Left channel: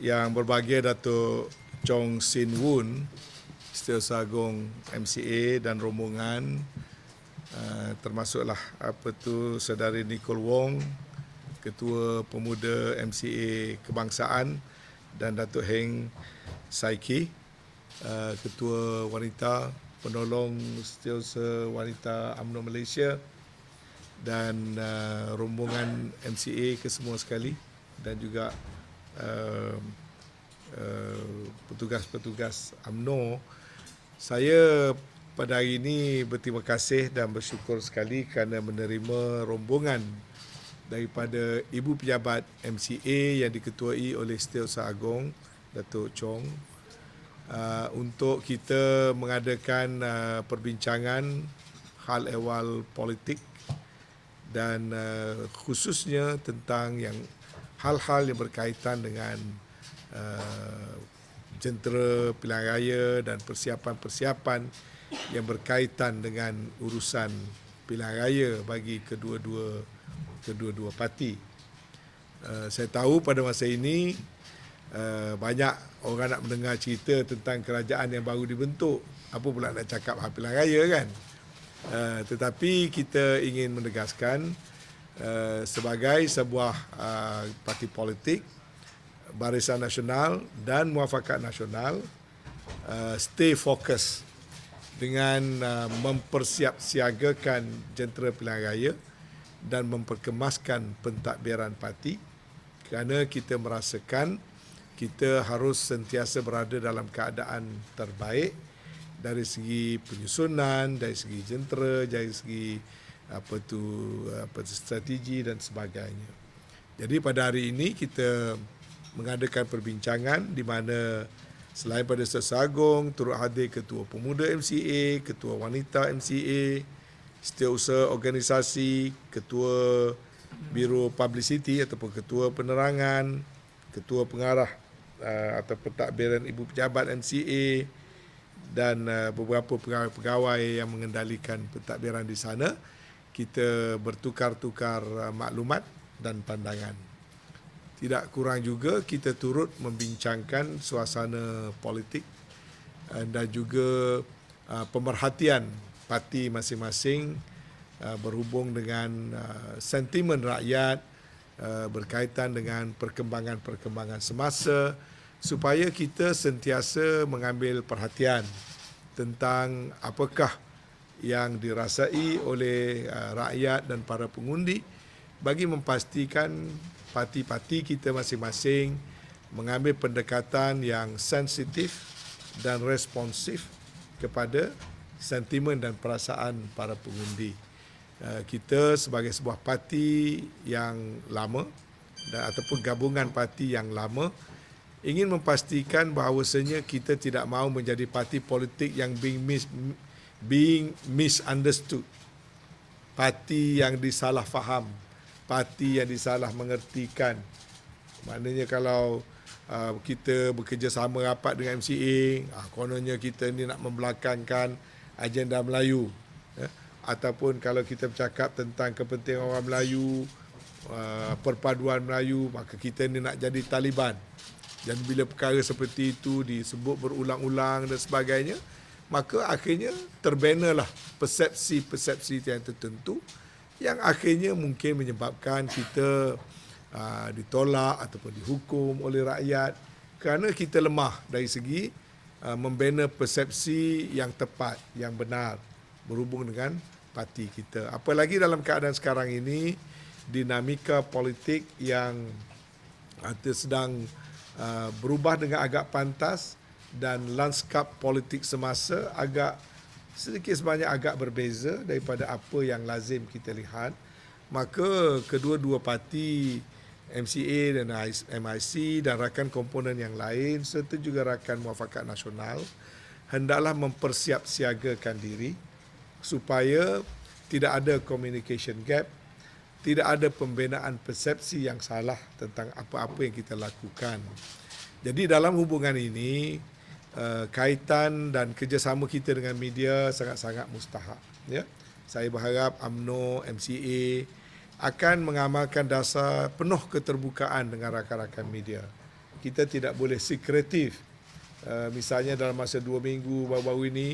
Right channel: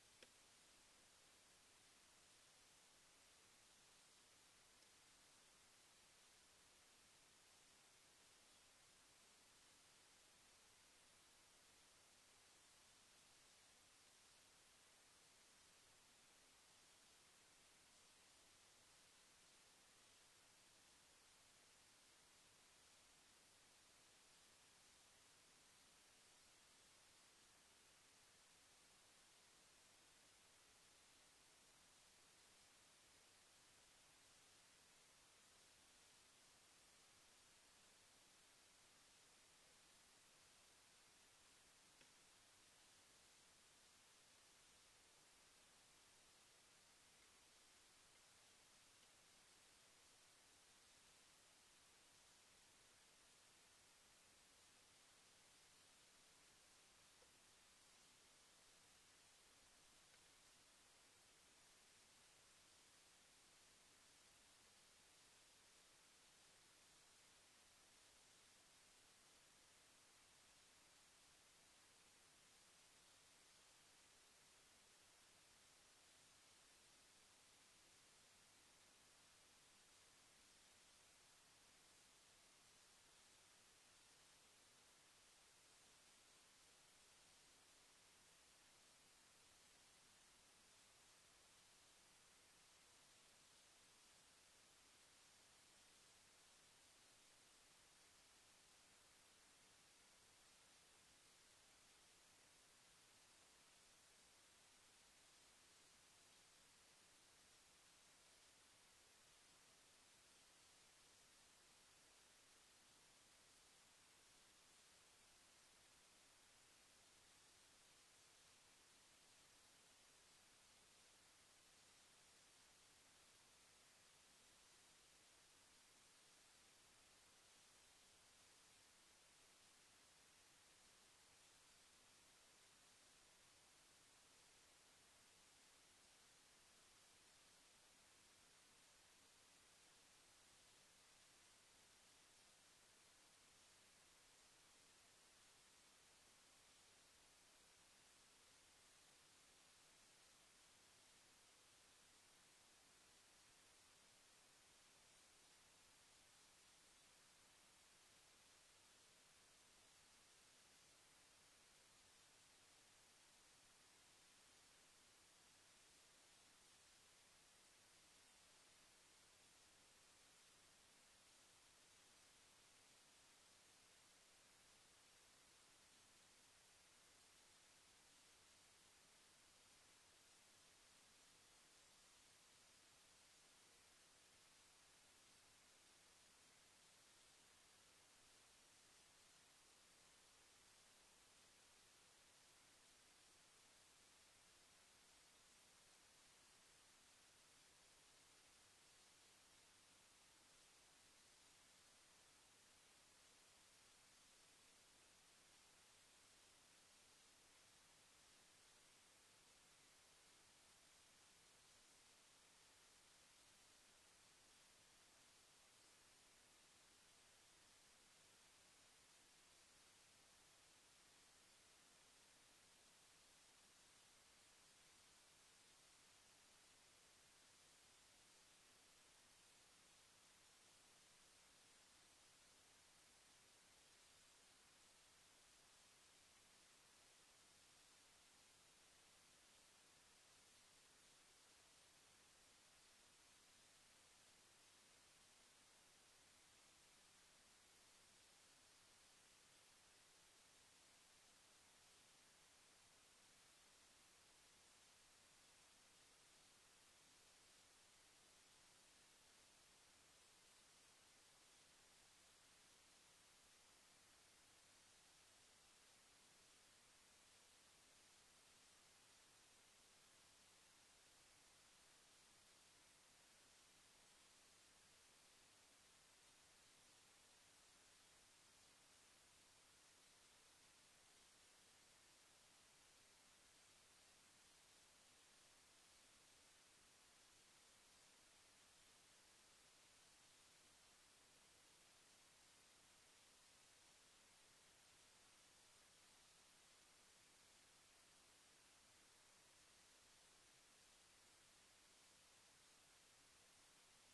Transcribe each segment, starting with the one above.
Yang berbahagia Datuk Chong Sin Woon, Setiausaha Agung MCA dan rombongan, termasuklah Saudari Nicole Wong, Ketua Pemuda MCA Kebangsaan, dan Datuk Heng Saiki, Ketua Wanita Penolong Setiausaha Wanita UMNO Malaysia, dan rombongan MCA kesemua sekali, dan juga petugas-petugas UMNO. Saya pada hari ini berterima kasih dan bersyukur sekali kerana menerima rombongan daripada Ibu Pejabat MCA yang diketuai oleh Setiausaha Agung Datuk Chong, untuk kita mengadakan perbincangan hal ehwal politik dan khususnya tentang hal-hal yang berkaitan dengan jentera pilihan raya dan persiapan-persiapan yang berkaitan dengan urusan pilihan raya bagi kedua-dua parti. Saya tahu pada masa ini banyak orang nak mendengar cerita tentang kerajaan yang baru dibentuk. Apa pula nak cakap hal pilihan raya kan? Tetapi kita ingin menegaskan sebagai sebuah parti politik, Barisan Nasional dan Muafakat Nasional stay fokus dengan mempersiapsiagakan jentera pilihan raya dan memperkemaskan pentadbiran parti, kerana kita merasakan kita harus sentiasa berada dalam keadaan terbaik dari segi penyusunan, dari segi jentera, dari segi strategi dan sebagainya. Jadi pada hari ini kita mengadakan perbincangan di mana selain pada Setiausaha Agung, turut hadir Ketua Pemuda MCA, Ketua Wanita MCA, Setiausaha Organisasi, Ketua Biro Publicity ataupun Ketua Penerangan, Ketua Pengarah atau Pentadbiran Ibu Pejabat MCA, dan beberapa pegawai-pegawai yang mengendalikan pentadbiran di sana. Kita bertukar-tukar maklumat dan pandangan. Tidak kurang juga kita turut membincangkan suasana politik dan juga pemerhatian parti masing-masing berhubung dengan sentimen rakyat berkaitan dengan perkembangan-perkembangan semasa, supaya kita sentiasa mengambil perhatian tentang apakah yang dirasai oleh rakyat dan para pengundi bagi memastikan parti-parti kita masing-masing mengambil pendekatan yang sensitif dan responsif kepada sentimen dan perasaan para pengundi. Kita sebagai sebuah parti yang lama ataupun gabungan parti yang lama ingin memastikan bahawasanya kita tidak mahu menjadi parti politik yang being misunderstood, parti yang disalah faham, parti yang disalah mengertikan. Maknanya kalau kita bekerjasama rapat dengan MCA, kononnya kita ni nak membelakangkan agenda Melayu, ataupun kalau kita bercakap tentang kepentingan orang Melayu, perpaduan Melayu, maka kita ni nak jadi Taliban. Dan bila perkara seperti itu disebut berulang-ulang dan sebagainya, maka akhirnya terbenalah persepsi-persepsi yang tertentu yang akhirnya mungkin menyebabkan kita ditolak ataupun dihukum oleh rakyat kerana kita lemah dari segi membina persepsi yang tepat, yang benar berhubung dengan parti kita. Apalagi dalam keadaan sekarang ini, dinamika politik yang sedang berubah dengan agak pantas dan lanskap politik semasa agak sedikit sebanyak agak berbeza daripada apa yang lazim kita lihat. Maka kedua-dua parti MCA dan MIC dan rakan komponen yang lain serta juga rakan Muafakat Nasional hendaklah mempersiapsiagakan diri supaya tidak ada communication gap, tidak ada pembinaan persepsi yang salah tentang apa-apa yang kita lakukan. Jadi dalam hubungan ini, kaitan dan kerjasama kita dengan media sangat-sangat mustahak. Ya? Saya berharap UMNO, MCA akan mengamalkan dasar penuh keterbukaan dengan rakan-rakan media. kita tidak boleh sekretif. Misalnya dalam masa 2 minggu baru-baru ini,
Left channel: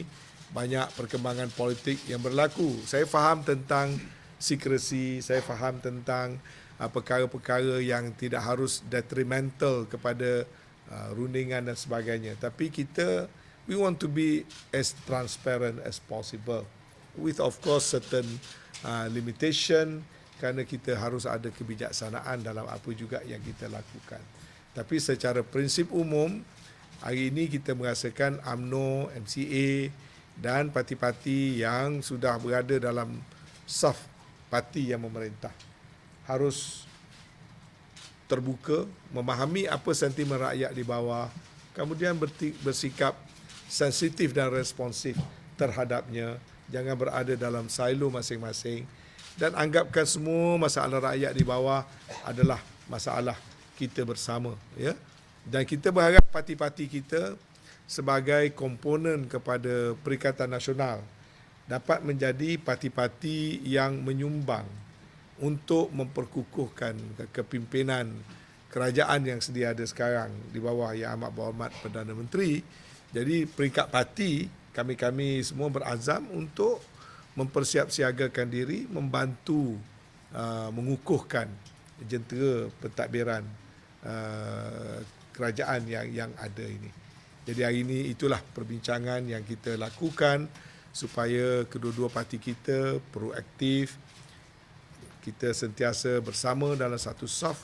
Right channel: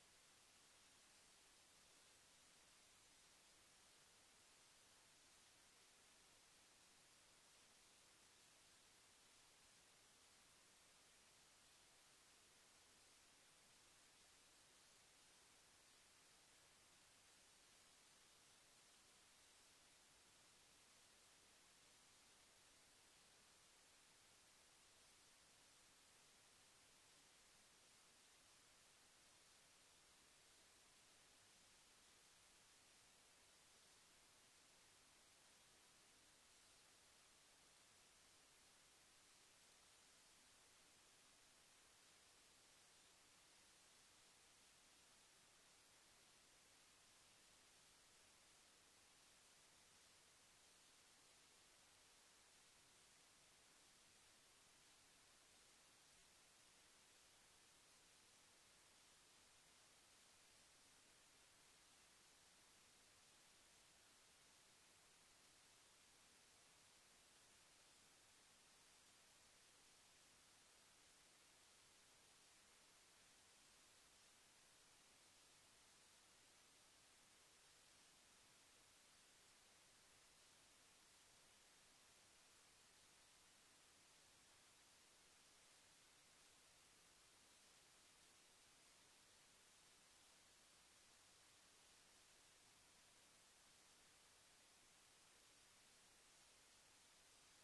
banyak perkembangan politik yang berlaku. Saya faham tentang sekresi, saya faham tentang perkara-perkara yang tidak harus detrimental kepada rundingan dan sebagainya. Tapi we want to be as transparent as possible with of course certain limitation, kerana kita harus ada kebijaksanaan dalam apa juga yang kita lakukan. Tapi secara prinsip umum, hari ini kita merasakan UMNO, MCA dan parti-parti yang sudah berada dalam saf parti yang memerintah harus terbuka, memahami apa sentimen rakyat di bawah, kemudian bersikap sensitif dan responsif terhadapnya. Jangan berada dalam silo masing-masing dan anggapkan semua masalah rakyat di bawah adalah masalah kita bersama, ya. Dan kita berharap parti-parti kita sebagai komponen kepada Perikatan Nasional dapat menjadi parti-parti yang menyumbang untuk memperkukuhkan kepimpinan kerajaan yang sedia ada sekarang di bawah Yang Amat Berhormat Perdana Menteri. Jadi peringkat parti, kami semua berazam untuk mempersiapsiagakan diri, membantu mengukuhkan jentera pentadbiran kerajaan yang ada ini. Jadi hari ini itulah perbincangan yang kita lakukan supaya kedua-dua parti kita proaktif, kita sentiasa bersama dalam satu saf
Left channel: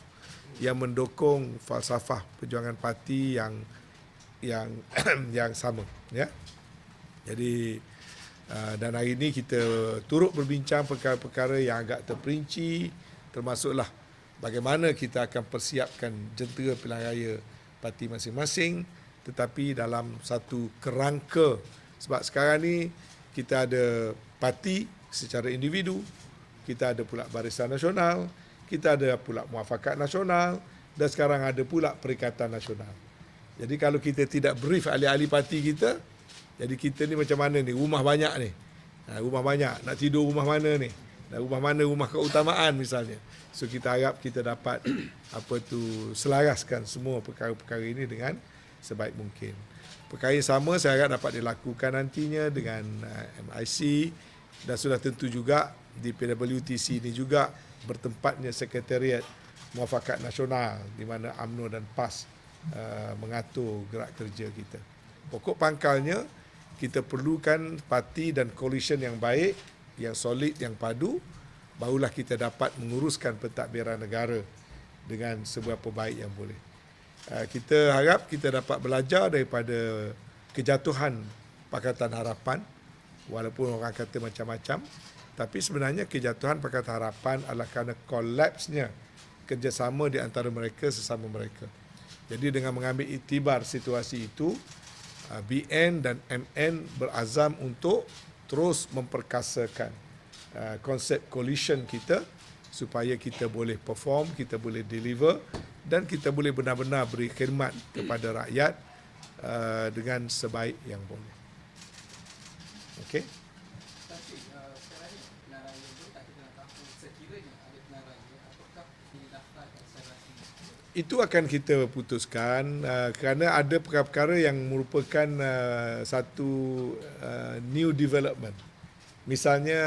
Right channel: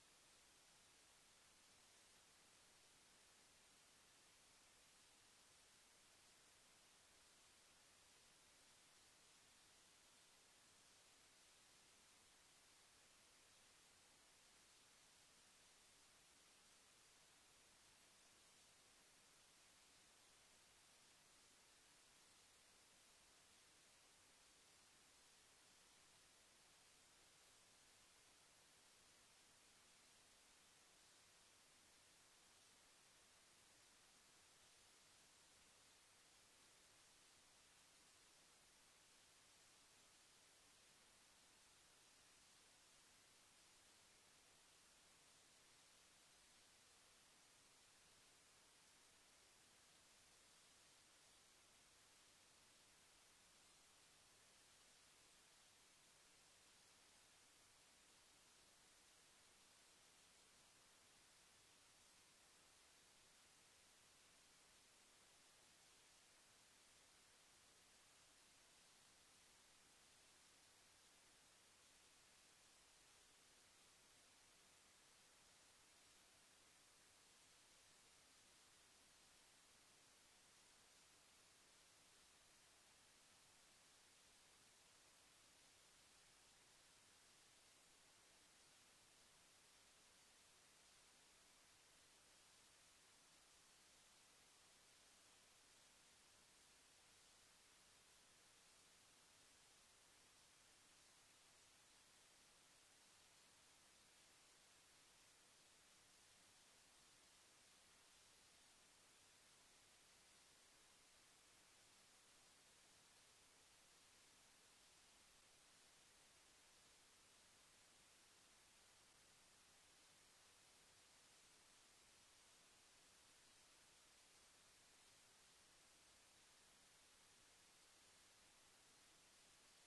yang mendukung falsafah perjuangan parti yang sama, ya. Jadi dan hari ini kita turut berbincang perkara-perkara yang agak terperinci, termasuklah bagaimana kita akan persiapkan jentera pilihan raya parti masing-masing, tetapi dalam satu kerangka. Sebab sekarang ni kita ada parti secara individu, kita ada pula Barisan Nasional, kita ada pula Muafakat Nasional dan sekarang ada pula Perikatan Nasional. Jadi kalau kita tidak brief ahli-ahli parti kita, jadi kita ni macam mana ni, rumah banyak ni. Rumah banyak, nak tidur rumah mana ni? Rumah mana rumah keutamaan misalnya. So kita harap kita dapat selaraskan semua perkara-perkara ini dengan sebaik mungkin. Perkara yang sama saya harap dapat dilakukan nantinya dengan MIC dan sudah tentu juga di PWTC ini juga bertempatnya Sekretariat Muafakat Nasional di mana UMNO dan PAS mengatur gerak kerja kita. Pokok pangkalnya kita perlukan parti dan coalition yang baik, yang solid, yang padu, barulah kita dapat menguruskan pentadbiran negara dengan seberapa baik yang boleh. Kita harap kita dapat belajar daripada kejatuhan Pakatan Harapan, walaupun orang kata macam-macam, tapi sebenarnya kejatuhan Pakatan Harapan adalah kerana kolapsnya kerjasama di antara mereka sesama mereka. Jadi dengan mengambil iktibar situasi itu, BN dan MN berazam untuk terus memperkasakan konsep coalition kita supaya kita boleh perform, kita boleh deliver dan kita boleh benar-benar beri khidmat kepada rakyat dengan sebaik yang boleh. Okey? Itu akan kita putuskan kerana ada perkara-perkara yang merupakan satu new development. Misalnya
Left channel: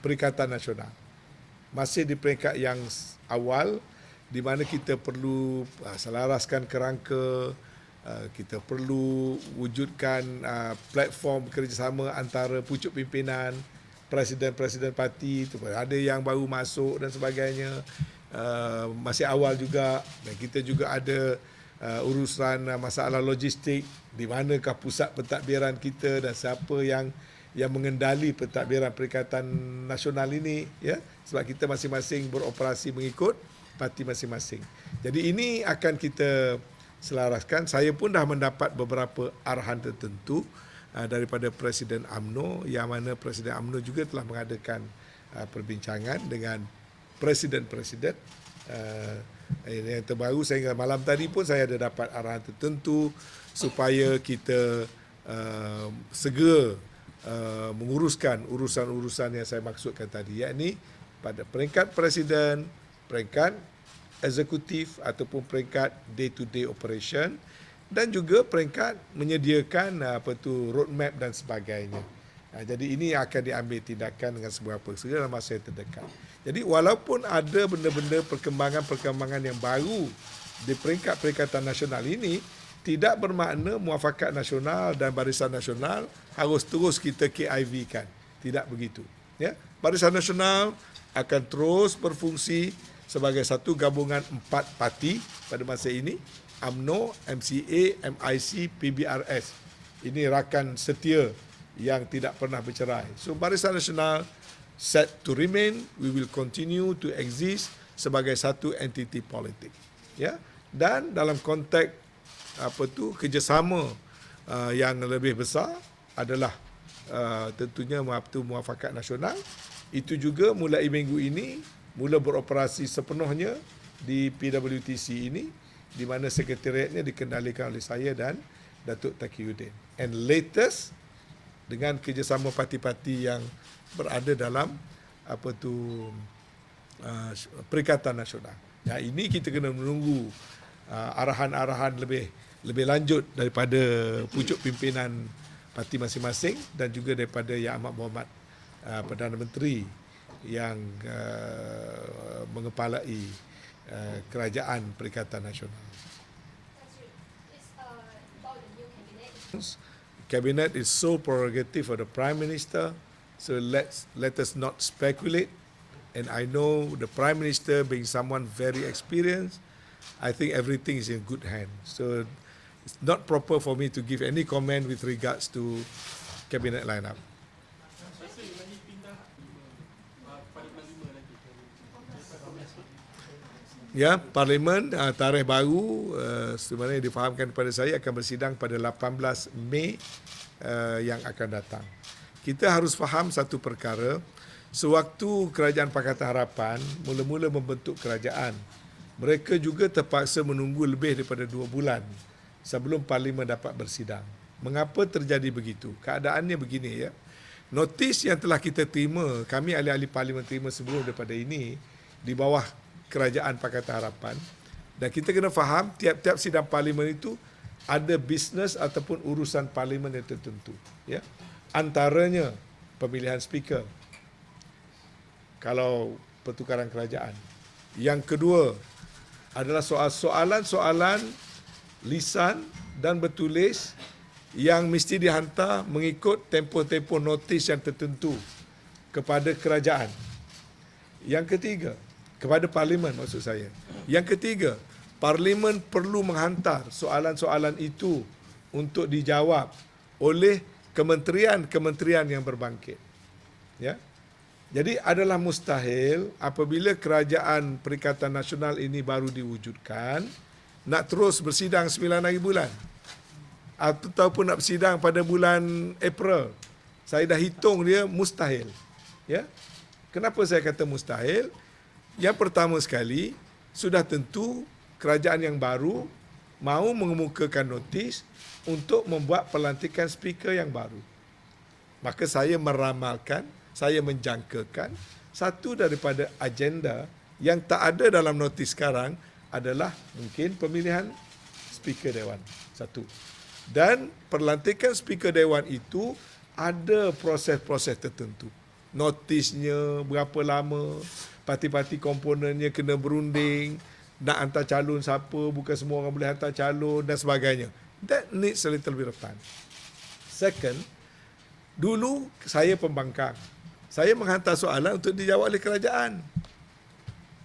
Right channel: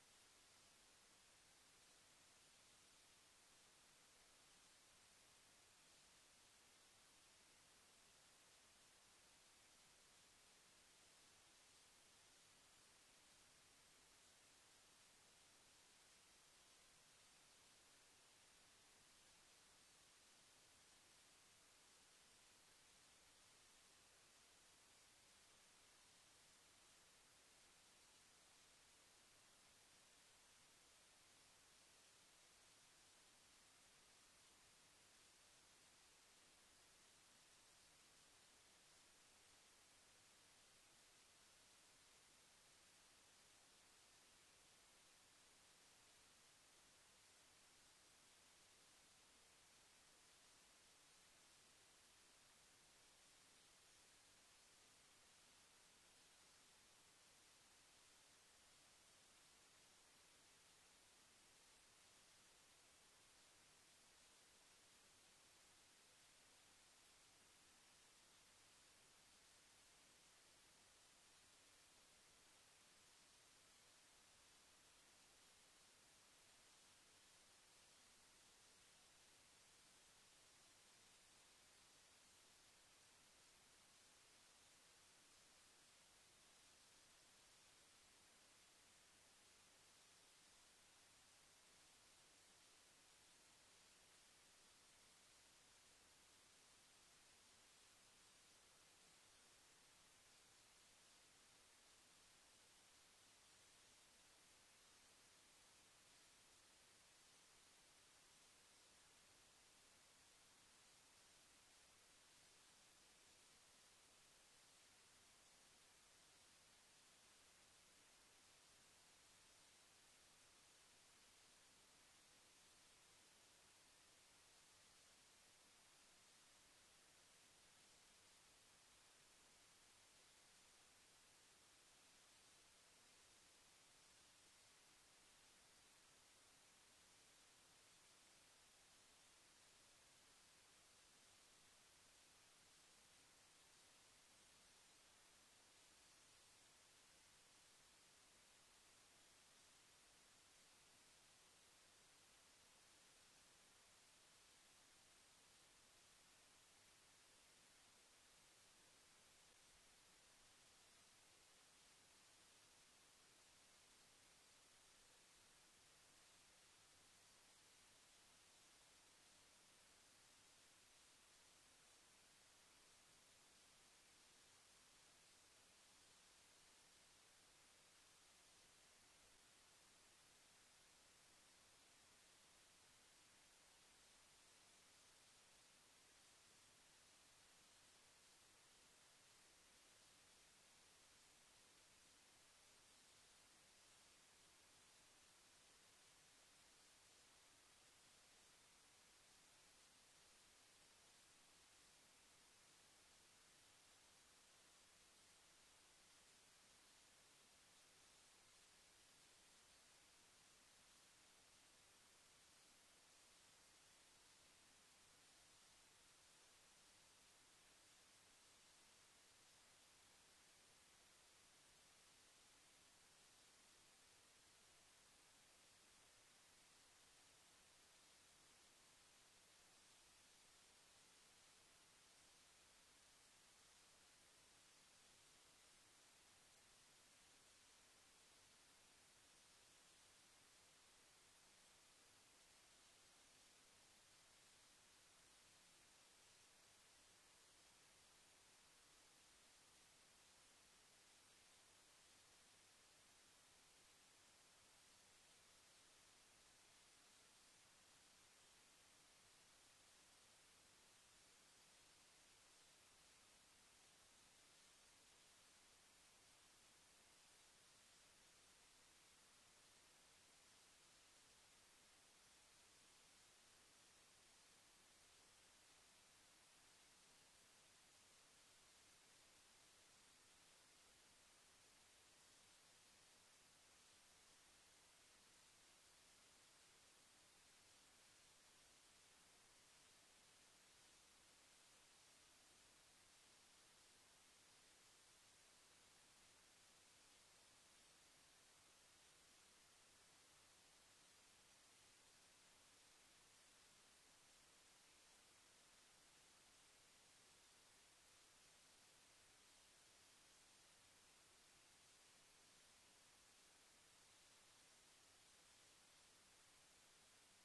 Perikatan Nasional. Masih di peringkat yang awal di mana kita perlu selaraskan kerangka, kita perlu wujudkan platform kerjasama antara pucuk pimpinan, presiden-presiden parti, ada yang baru masuk dan sebagainya. Masih awal juga dan kita juga ada urusan masalah logistik, di manakah pusat pentadbiran kita dan siapa yang mengendali pentadbiran Perikatan Nasional ini, ya, sebab kita masing-masing beroperasi mengikut parti masing-masing. Jadi ini akan kita selaraskan. Saya pun dah mendapat beberapa arahan tertentu daripada Presiden UMNO, yang mana Presiden UMNO juga telah mengadakan perbincangan dengan presiden-presiden. Yang terbaru sehingga malam tadi pun saya ada dapat arahan tertentu supaya kita segera menguruskan urusan-urusan yang saya maksudkan tadi, yakni pada peringkat presiden, peringkat eksekutif ataupun peringkat day-to-day operation dan juga peringkat menyediakan roadmap dan sebagainya. Jadi ini akan diambil tindakan dengan seberapa segera dalam masa yang terdekat. Jadi walaupun ada benda-benda perkembangan-perkembangan yang baru di peringkat Perikatan Nasional ini, tidak bermakna Muafakat Nasional dan Barisan Nasional harus terus kita KIV-kan. Tidak begitu. Ya, Barisan Nasional akan terus berfungsi sebagai satu gabungan 4 parti pada masa ini, UMNO, MCA, MIC, PBRS. Ini rakan setia yang tidak pernah bercerai. So Barisan Nasional set to remain, we will continue to exist sebagai satu entiti politik. Ya, dan dalam konteks kerjasama yang lebih besar adalah tentunya Muafakat Nasional. Itu juga mulai minggu ini mula beroperasi sepenuhnya di PWTC ini, di mana sekretariatnya dikendalikan oleh saya dan Datuk Taqiyuddin. And latest dengan kerjasama parti-parti yang berada dalam Perikatan Nasional. Ya, ini kita kena menunggu arahan-arahan lebih lanjut daripada pucuk pimpinan parti masing-masing dan juga daripada Yang Amat Berhormat Perdana Menteri yang mengepalai Kerajaan Perikatan Nasional. Cabinet is sole prerogative of the Prime Minister, so let us not speculate. And I know the Prime Minister, being someone very experienced, I think everything is in good hands. So it's not proper for me to give any comment with regards to cabinet lineup. Ya, Parlimen tarikh baru sebenarnya difahamkan kepada saya akan bersidang pada 18 Mei yang akan datang. Kita harus faham satu perkara, sewaktu Kerajaan Pakatan Harapan mula-mula membentuk kerajaan, mereka juga terpaksa menunggu lebih daripada 2 bulan sebelum Parlimen dapat bersidang. Mengapa terjadi begitu? Keadaannya begini, ya. Notis yang telah kita terima, kami ahli-ahli Parlimen terima sebelum daripada ini di bawah Kerajaan Pakatan Harapan, dan kita kena faham tiap-tiap sidang Parlimen itu ada bisnes ataupun urusan Parlimen yang tertentu, ya. Antaranya pemilihan speaker kalau pertukaran kerajaan. Yang kedua adalah soalan-soalan lisan dan bertulis yang mesti dihantar mengikut tempoh-tempoh notis yang tertentu kepada kerajaan. Yang ketiga, kepada Parlimen maksud saya. Yang ketiga, Parlimen perlu menghantar soalan-soalan itu untuk dijawab oleh kementerian-kementerian yang berbangkit. Ya. Jadi adalah mustahil apabila Kerajaan Perikatan Nasional ini baru diwujudkan, nak terus bersidang 9 hari bulan. Ataupun nak bersidang pada bulan April. Saya dah hitung dia mustahil. Ya. Kenapa saya kata mustahil? Yang pertama sekali, sudah tentu kerajaan yang baru mahu mengemukakan notis untuk membuat pelantikan speaker yang baru. Maka saya meramalkan, saya menjangkakan satu daripada agenda yang tak ada dalam notis sekarang adalah mungkin pemilihan speaker Dewan. Satu. Dan pelantikan speaker Dewan itu ada proses-proses tertentu. Notisnya berapa lama, parti-parti komponennya kena berunding, nak hantar calon siapa, bukan semua orang boleh hantar calon dan sebagainya. That needs a little bit of time. Second, dulu saya pembangkang. Saya menghantar soalan untuk dijawab oleh kerajaan.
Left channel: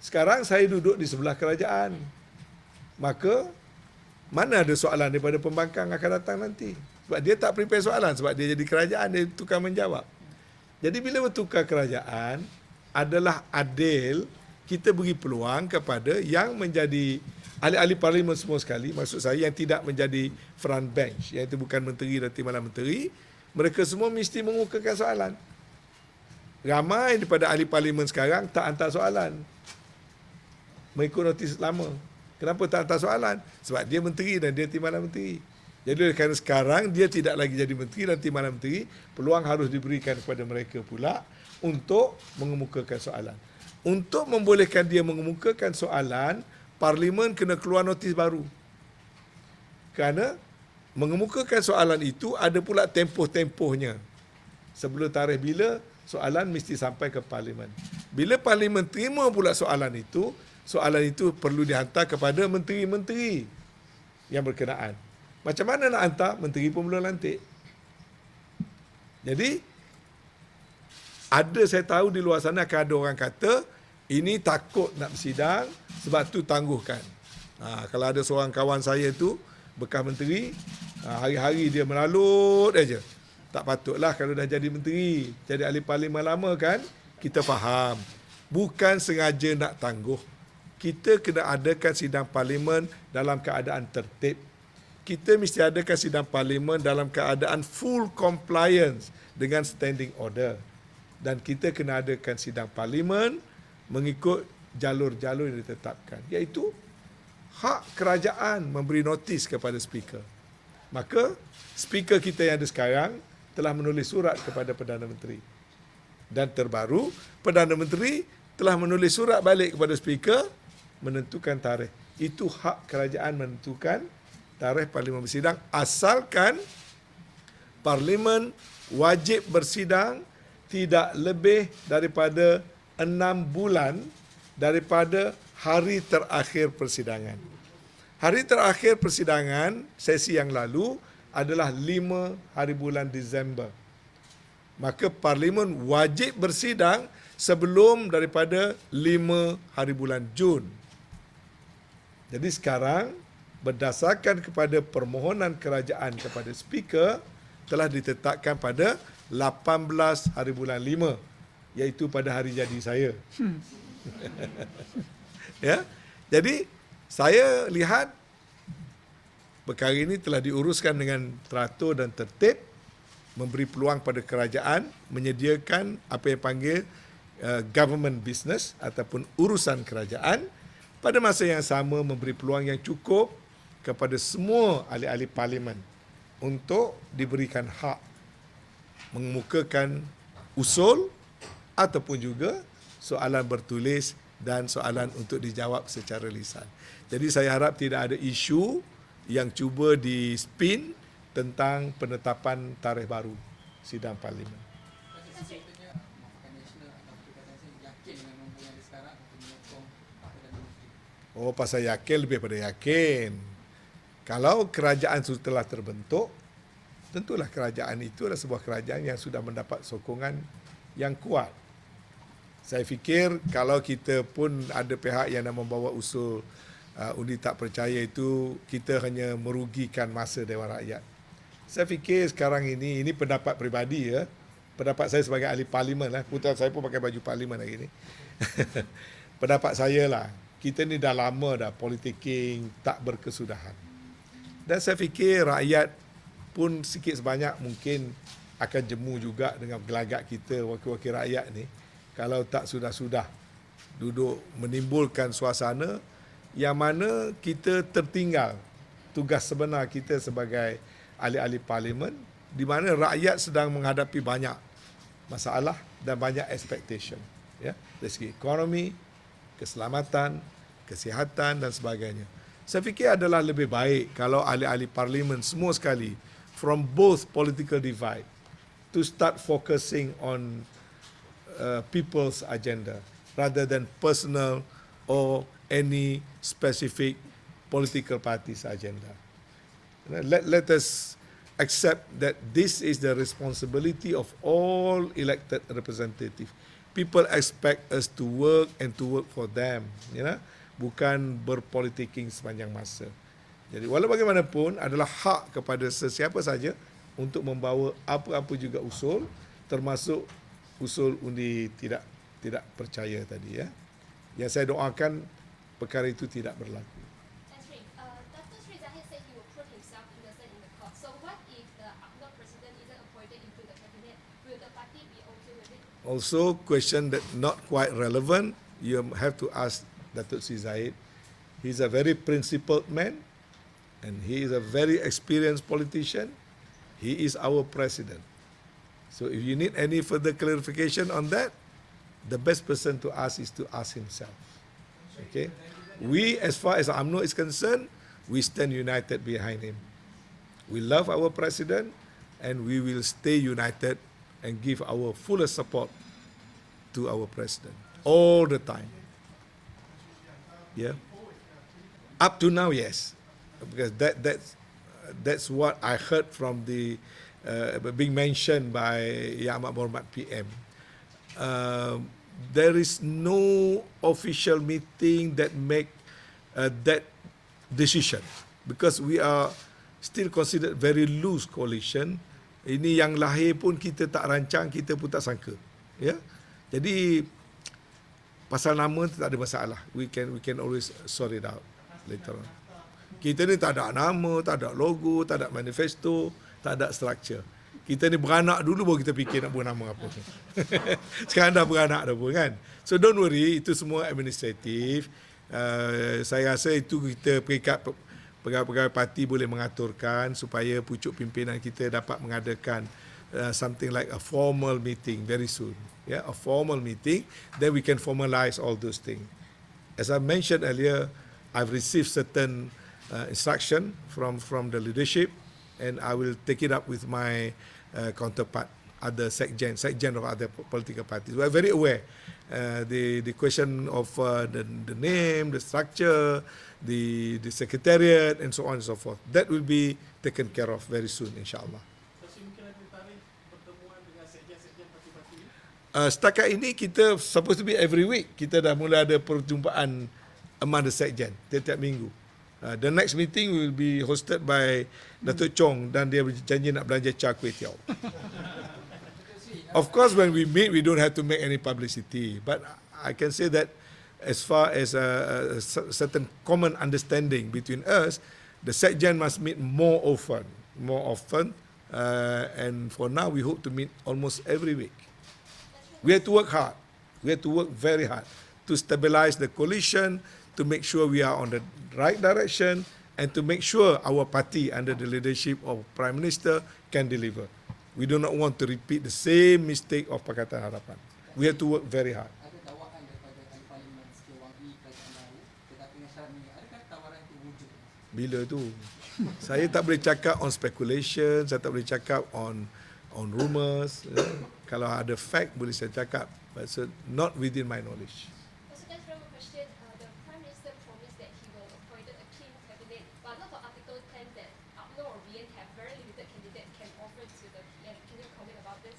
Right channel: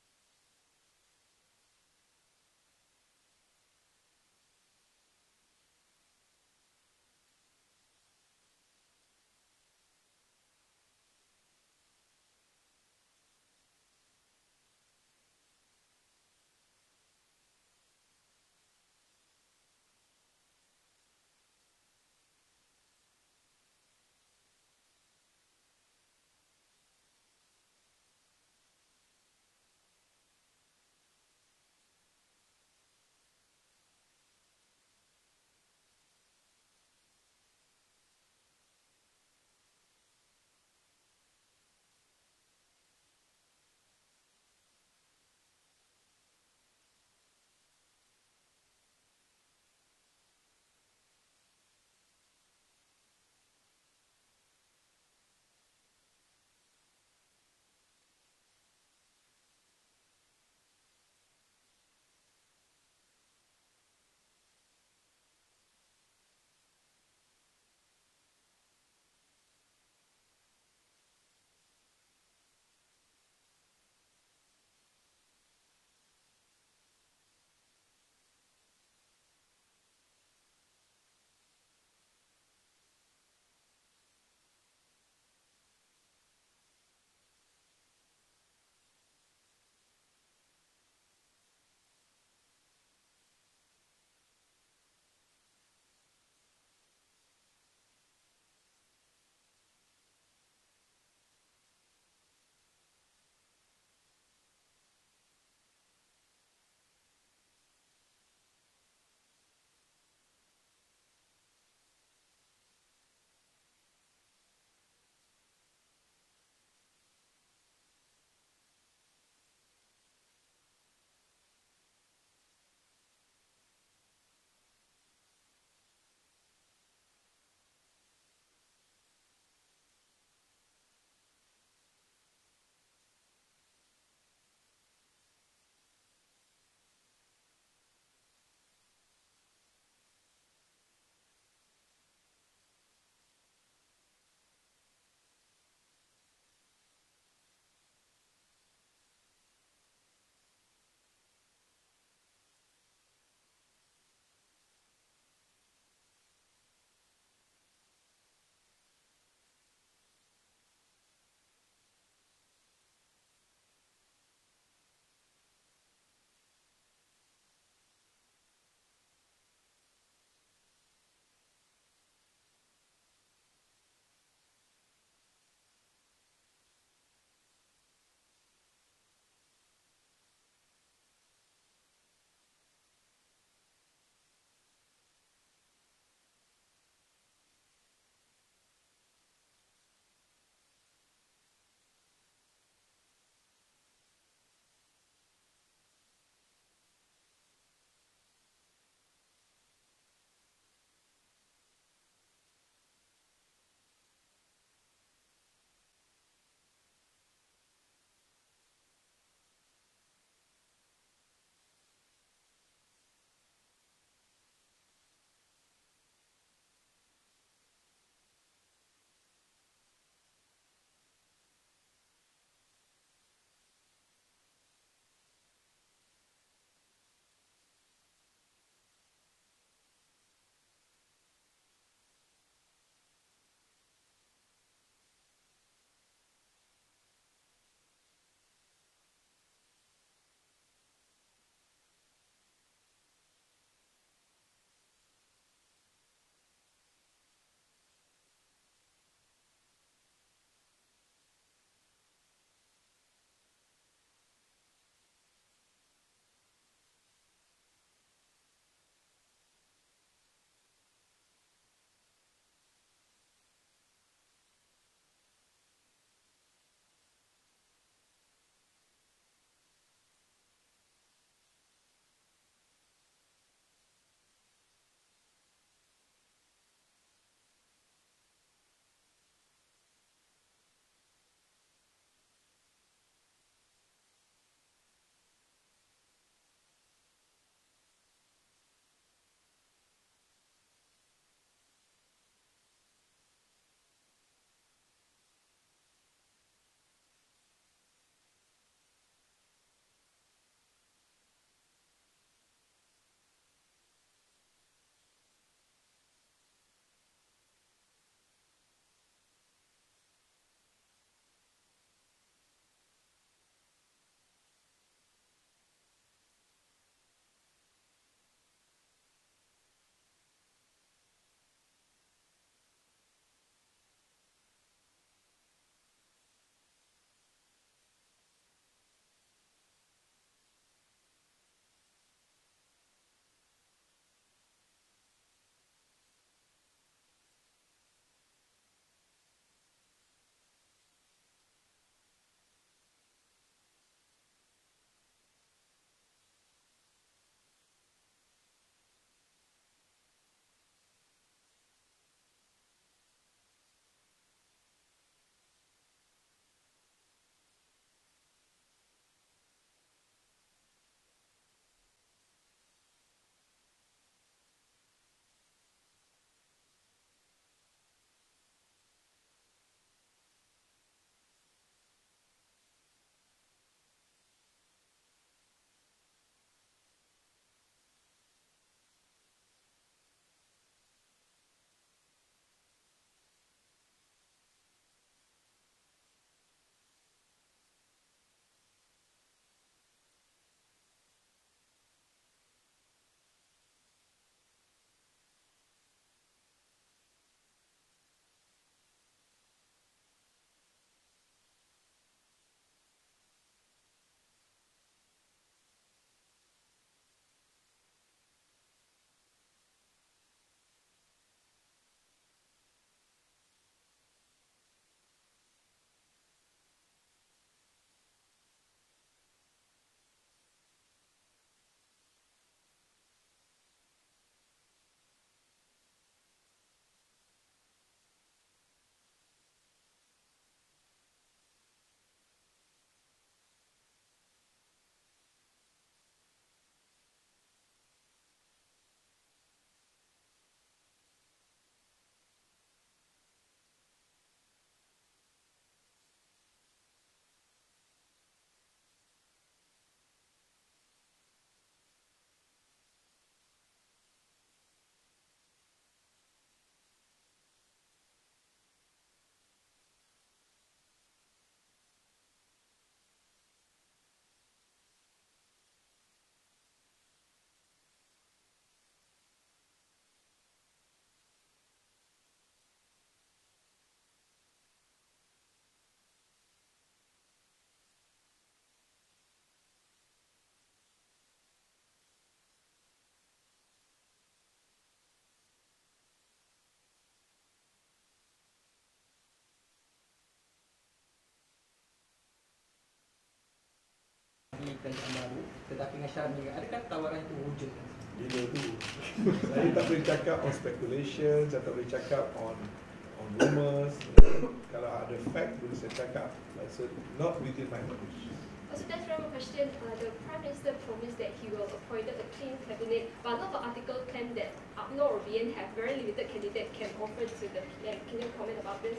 Sekarang saya duduk di sebelah kerajaan. Maka, mana ada soalan daripada pembangkang akan datang nanti? Sebab dia tak prepare soalan, sebab dia jadi kerajaan, dia tukar menjawab. Jadi bila bertukar kerajaan, adalah adil kita beri peluang kepada yang menjadi ahli-ahli Parlimen semua sekali, maksud saya yang tidak menjadi front bench, iaitu bukan menteri dan timbalan menteri, mereka semua mesti mengukakan soalan. Ramai daripada ahli Parlimen sekarang tak hantar soalan mengikut notis lama. Kenapa tak hantar soalan? Sebab dia menteri dan dia timbalan menteri. Jadi kerana sekarang dia tidak lagi jadi menteri dan timbalan menteri, peluang harus diberikan kepada mereka pula untuk mengemukakan soalan. Untuk membolehkan dia mengemukakan soalan, Parlimen kena keluar notis baru. Kerana mengemukakan soalan itu ada pula tempoh-tempohnya. Sebelum tarikh bila, soalan mesti sampai ke Parlimen. Bila Parlimen terima pula soalan itu perlu dihantar kepada menteri-menteri yang berkenaan. Macam mana nak hantar? Menteri pun belum lantik. Jadi, saya tahu di luar sana akan ada orang kata, ini takut nak bersidang, sebab tu tangguhkan. Kalau ada seorang kawan saya tu, bekas menteri, hari-hari dia melalut aja. Tak patutlah kalau dah jadi menteri, jadi ahli parlimen lama kan, kita faham. Bukan sengaja nak tangguh. Kita kena adakan sidang parlimen dalam keadaan tertib. Kita mesti adakan sidang parlimen dalam keadaan full compliance dengan standing order. Dan kita kena adakan sidang parlimen mengikut jalur-jalur yang ditetapkan. Iaitu hak kerajaan memberi notis kepada speaker. Maka speaker kita yang ada sekarang telah menulis surat kepada Perdana Menteri. Dan terbaru, Perdana Menteri telah menulis surat balik kepada speaker menentukan tarikh. Itu hak kerajaan menentukan tarikh parlimen bersidang asalkan parlimen wajib bersidang tidak lebih daripada 6 bulan daripada hari terakhir persidangan. Hari terakhir persidangan sesi yang lalu adalah 5 hari bulan Disember. Maka Parlimen wajib bersidang sebelum daripada 5 hari bulan Jun. Jadi sekarang berdasarkan kepada permohonan kerajaan kepada speaker telah ditetapkan pada 18 hari bulan 5, iaitu pada hari jadi saya. Ya. Jadi saya lihat perkara ini telah diuruskan dengan teratur dan tertib, memberi peluang pada kerajaan menyediakan apa yang panggil government business ataupun urusan kerajaan, pada masa yang sama memberi peluang yang cukup kepada semua ahli-ahli parlimen untuk diberikan hak mengemukakan usul ataupun juga soalan bertulis dan soalan untuk dijawab secara lisan. Jadi saya harap tidak ada isu yang cuba di-spin tentang penetapan tarikh baru sidang parlimen. Oh, pasal yakin lebih pada yakin. Kalau kerajaan sudah telah terbentuk, tentulah kerajaan itu adalah sebuah kerajaan yang sudah mendapat sokongan yang kuat. Saya fikir kalau kita pun ada pihak yang nak membawa usul undi tak percaya itu, kita hanya merugikan masa Dewan Rakyat. Saya fikir sekarang ini pendapat peribadi ya. Pendapat saya sebagai ahli parlimen lah. Putra saya pun pakai baju parlimen hari ini. Pendapat saya lah, kita ni dah lama dah politicking tak berkesudahan. Dan saya fikir rakyat pun sikit sebanyak mungkin akan jemu juga dengan gelagat kita wakil-wakil rakyat ni. Kalau tak sudah-sudah duduk menimbulkan suasana yang mana kita tertinggal tugas sebenar kita sebagai ahli-ahli parlimen, di mana rakyat sedang menghadapi banyak masalah dan banyak expectation, ya, dari segi ekonomi, keselamatan, kesihatan dan sebagainya. Saya fikir adalah lebih baik kalau ahli-ahli parlimen semua sekali from both political divide to start focusing on people's agenda rather than personal or any specific political party's agenda. Let us accept that this is the responsibility of all elected representatives. People expect us to work and to work for them, bukan berpolitiking sepanjang masa. Jadi walau bagaimanapun adalah hak kepada sesiapa saja untuk membawa apa-apa juga usul, termasuk usul undi tidak percaya tadi, ya. Yang saya doakan perkara itu tidak berlaku. Dato' Sri Zahid said he will put himself innocent in the court. So what if the UMNO president isn't appointed into the cabinet? Will the party be okay with it? Also, question that not quite relevant, you have to ask Dato' Sri Zahid. He's a very principled man and he is a very experienced politician. He is our president. So if you need any further clarification on that, the best person to ask is to ask himself. Okay? We, as far as UMNO is concerned, we stand united behind him. We love our president, and we will stay united and give our fullest support to our president all the time. Yeah. Up to now, yes, because that's what I heard from the being mentioned by Yang Amat Berhormat PM. There is no official meeting that make that decision because we are still considered very loose coalition. Ini yang lahir pun kita tak rancang, kita pun tak sangka. Ya. Jadi pasal nama tu tak ada masalah. We can always sort it out later on. Kita ni tak ada nama, tak ada logo, tak ada manifesto, tak ada structure. Kita ni beranak dulu baru kita fikir nak buat nama apa. Sekarang dah beranak dah pun kan. So don't worry, itu semua administratif. Saya rasa itu kita peringkat pegawai parti boleh mengaturkan supaya pucuk pimpinan kita dapat mengadakan something like a formal meeting very soon. Yeah, a formal meeting, then we can formalize all those things. As I mentioned earlier, I've received certain instruction from the leadership, and I will take it up with my counterpart, other secgen of other political parties. We are very aware. The question of the name, the structure, the secretariat, and so on and so forth. That will be taken care of very soon, insyaAllah. Setakat ini kita supposed to be every week. Kita dah mula ada perjumpaan among the sekjen tiap-tiap minggu. The next meeting will be hosted by Datuk Chong dan dia berjanji nak belanja char kway teow. Of course, when we meet, we don't have to make any publicity. But I can say that as far as a certain common understanding between us, the sekjen must meet more often. And for now, we hope to meet almost every week. We have to work hard. We have to work very hard to stabilize the coalition, to make sure we are on the right direction, and to make sure our party under the leadership of Prime Minister can deliver. We do not want to repeat the same mistake of Pakatan Harapan. We have to work very hard. Ada tawaran daripada ahli parlimen sikit wang ni kerajaan baru, tetapi dengan syarat ni, adakah tawaran itu wujud? Bila tu? Saya tak boleh cakap on speculation, saya tak boleh cakap on rumours. Kalau ada fact boleh saya cakap, but not within my knowledge. So that's one more question. The Prime Minister promised that he will appoint a clean cabinet, but a lot of articles claim that UMNO or BN have very limited candidate can offer to the PM. Can you comment about this?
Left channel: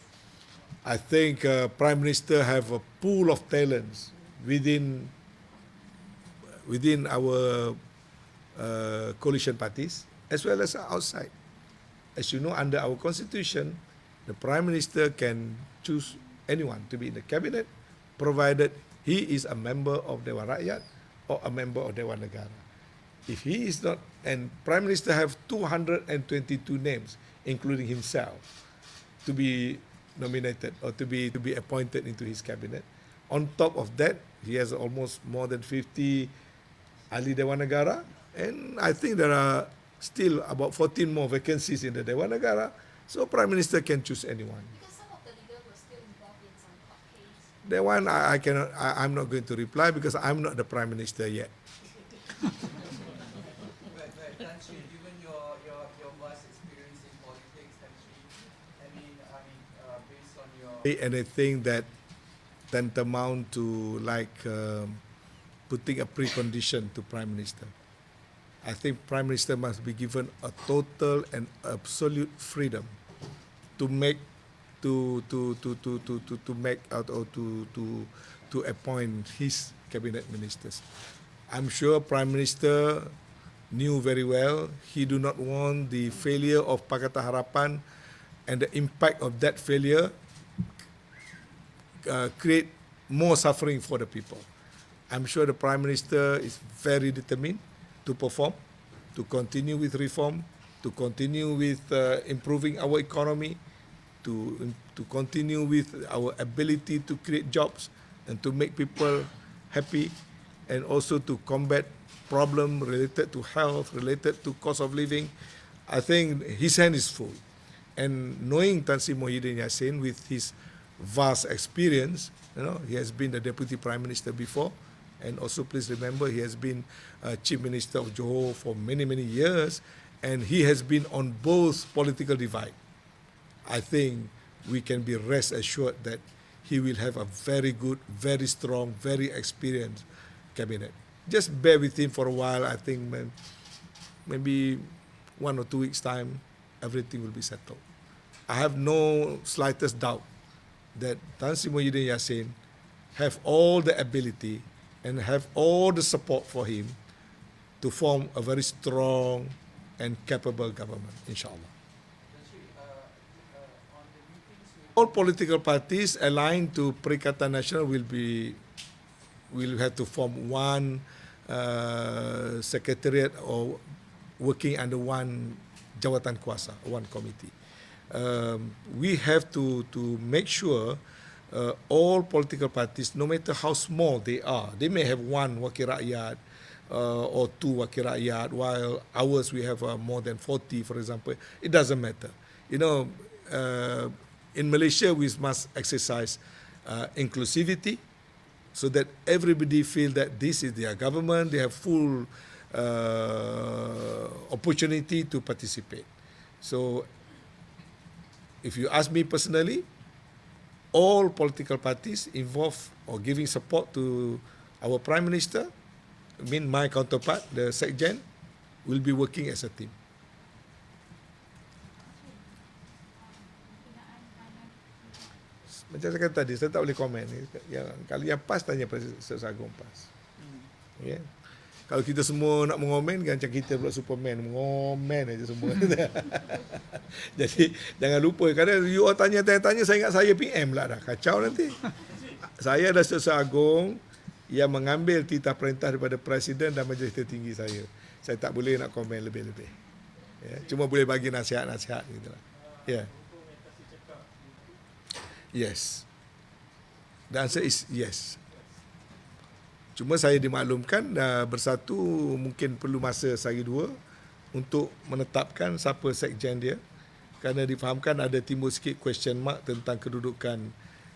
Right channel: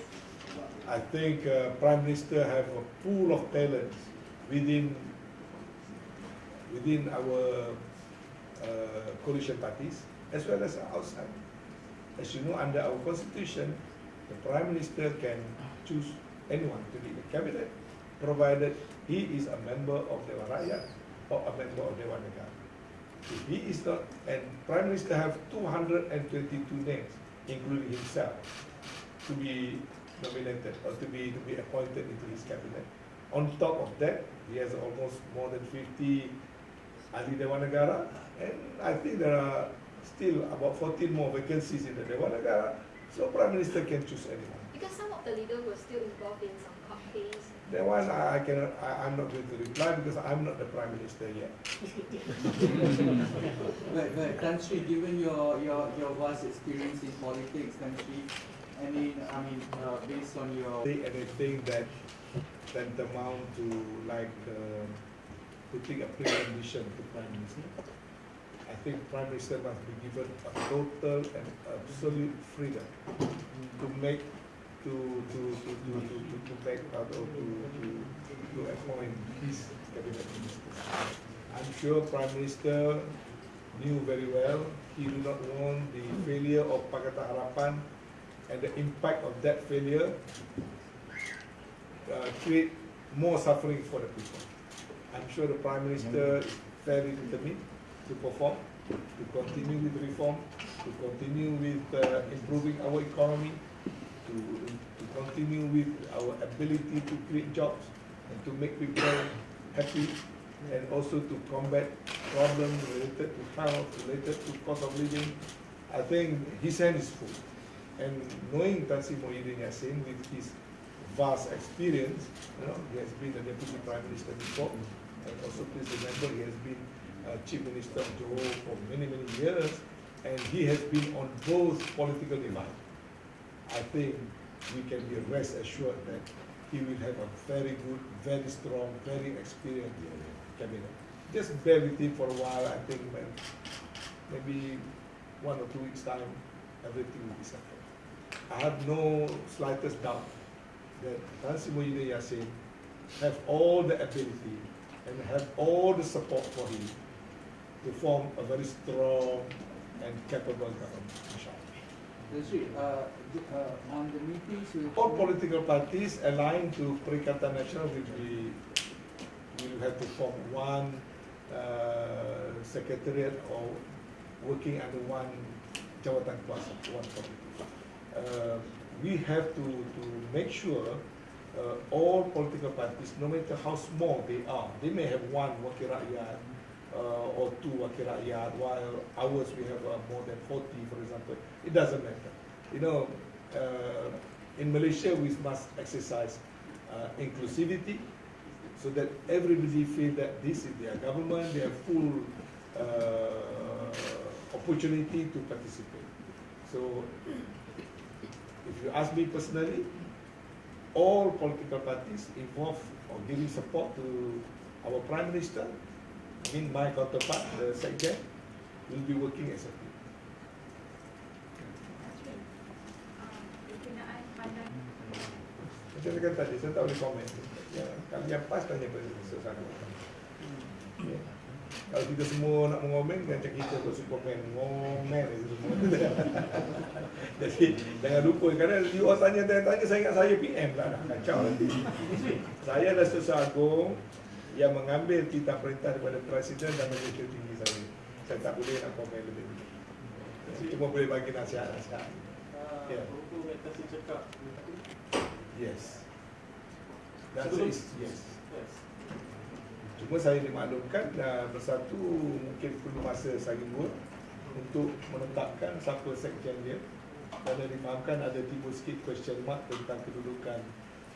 I think Prime Minister have a pool of talents within our coalition parties as well as outside. As you know, under our constitution, the Prime Minister can choose anyone to be in the cabinet, provided he is a member of Dewan Rakyat or a member of Dewan Negara. If he is not, and Prime Minister have 222 names, including himself, to be nominated or to be appointed into his cabinet. On top of that, he has almost more than 50 ahli Dewan Negara, and I think there are still about 14 more vacancies in the Dewan Negara, so Prime Minister can choose anyone. Because some of the leaders were still involved in some court case. That one I'm not going to reply because I'm not the Prime Minister yet. But Tan Sri, given your vast experience in politics, Tan Sri, based on your... Anything that tantamount to like putting a precondition to Prime Minister. I think Prime Minister must be given a total and absolute freedom to make to appoint his cabinet ministers. I'm sure Prime Minister knew very well he do not want the failure of Pakatan Harapan and the impact of that failure create more suffering for the people. I'm sure the Prime Minister is very determined to perform, to continue with reform, to continue with improving our economy, to continue with our ability to create jobs and to make people happy, and also to combat problems related to health, related to cost of living. I think his hand is full. And knowing Tan Sri Muhyiddin Yassin with his vast experience, he has been the Deputy Prime Minister before, And also please remember he has been Chief Minister of Johor for many years, and he has been on both political divide. I think we can be rest assured that he will have a very good, very strong, very experienced cabinet. Just bear with him for a while. I think maybe 1 or 2 weeks' time, everything will be settled. I have no slightest doubt that Tan Sri Muhyiddin Yassin have all the ability and have all the support for him to form a very strong and capable government, inshallah. On the meetings with All political parties aligned to Perikatan Nasional will have to form one secretariat or working under one jawatan kuasa, one committee. We have to make sure all political parties, no matter how small they are, they may have one wakil rakyat or 2 wakil rakyat, while ours we have more than 40, for example. It doesn't matter. You know, in Malaysia we must exercise inclusivity, so that everybody feel that this is their government, they have full opportunity to participate. So, if you ask me personally, all political parties involved or giving support to our Prime Minister, I mean my counterpart, the Sekjen, will be working as a team. Macam saya kata tadi, saya tak boleh komen. Ya, kalau yang PAS, tanya Presiden Sagung PAS. Okay. Kalau kita semua nak mengomen, macam kita buat Superman, mengomen aja semua. Jadi jangan lupa, kadang you orang tanya, saya ingat saya PM lah dah, kacau nanti. Saya adalah Sagung yang mengambil titah perintah daripada Presiden dan Majlis Tertinggi saya. Saya tak boleh nak komen lebih-lebih. Ya, cuma boleh bagi nasihat-nasihat gitu. Ya. Yes. The answer is yes. Cuma saya dimaklumkan Bersatu mungkin perlu masa sehari 2 untuk menetapkan siapa sekjen dia, kerana difahamkan ada timbul sikit question mark tentang kedudukan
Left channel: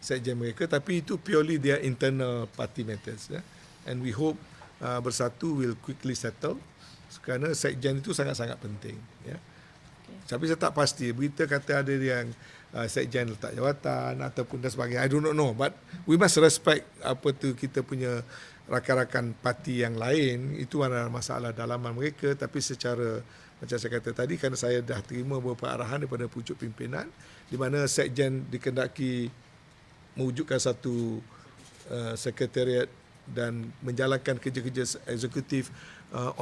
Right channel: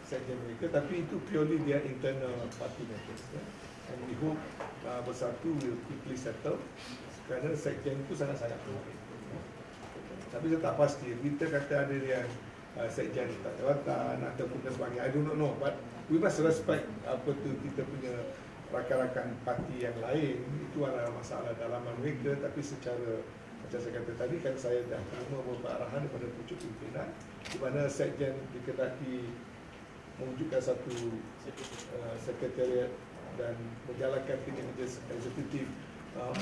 sekjen mereka, tapi itu purely their internal party matters, ya. And we hope Bersatu will quickly settle, kerana sekjen itu sangat-sangat penting, ya. Tapi saya tak pasti, berita kata ada yang sekjen letak jawatan ataupun dan sebagainya, I do not know, but we must respect apa tu kita punya rakan-rakan parti yang lain. Itu adalah masalah dalaman mereka, tapi secara macam saya kata tadi, kan saya dah terima beberapa arahan daripada pucuk pimpinan di mana sekjen dikendaki mewujudkan satu sekretariat dan menjalankan kerja-kerja eksekutif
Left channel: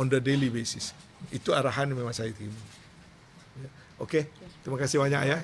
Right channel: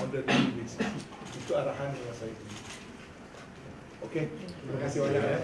on the daily basis. Itu arahan yang memang saya terima. Okey, terima kasih banyak ya.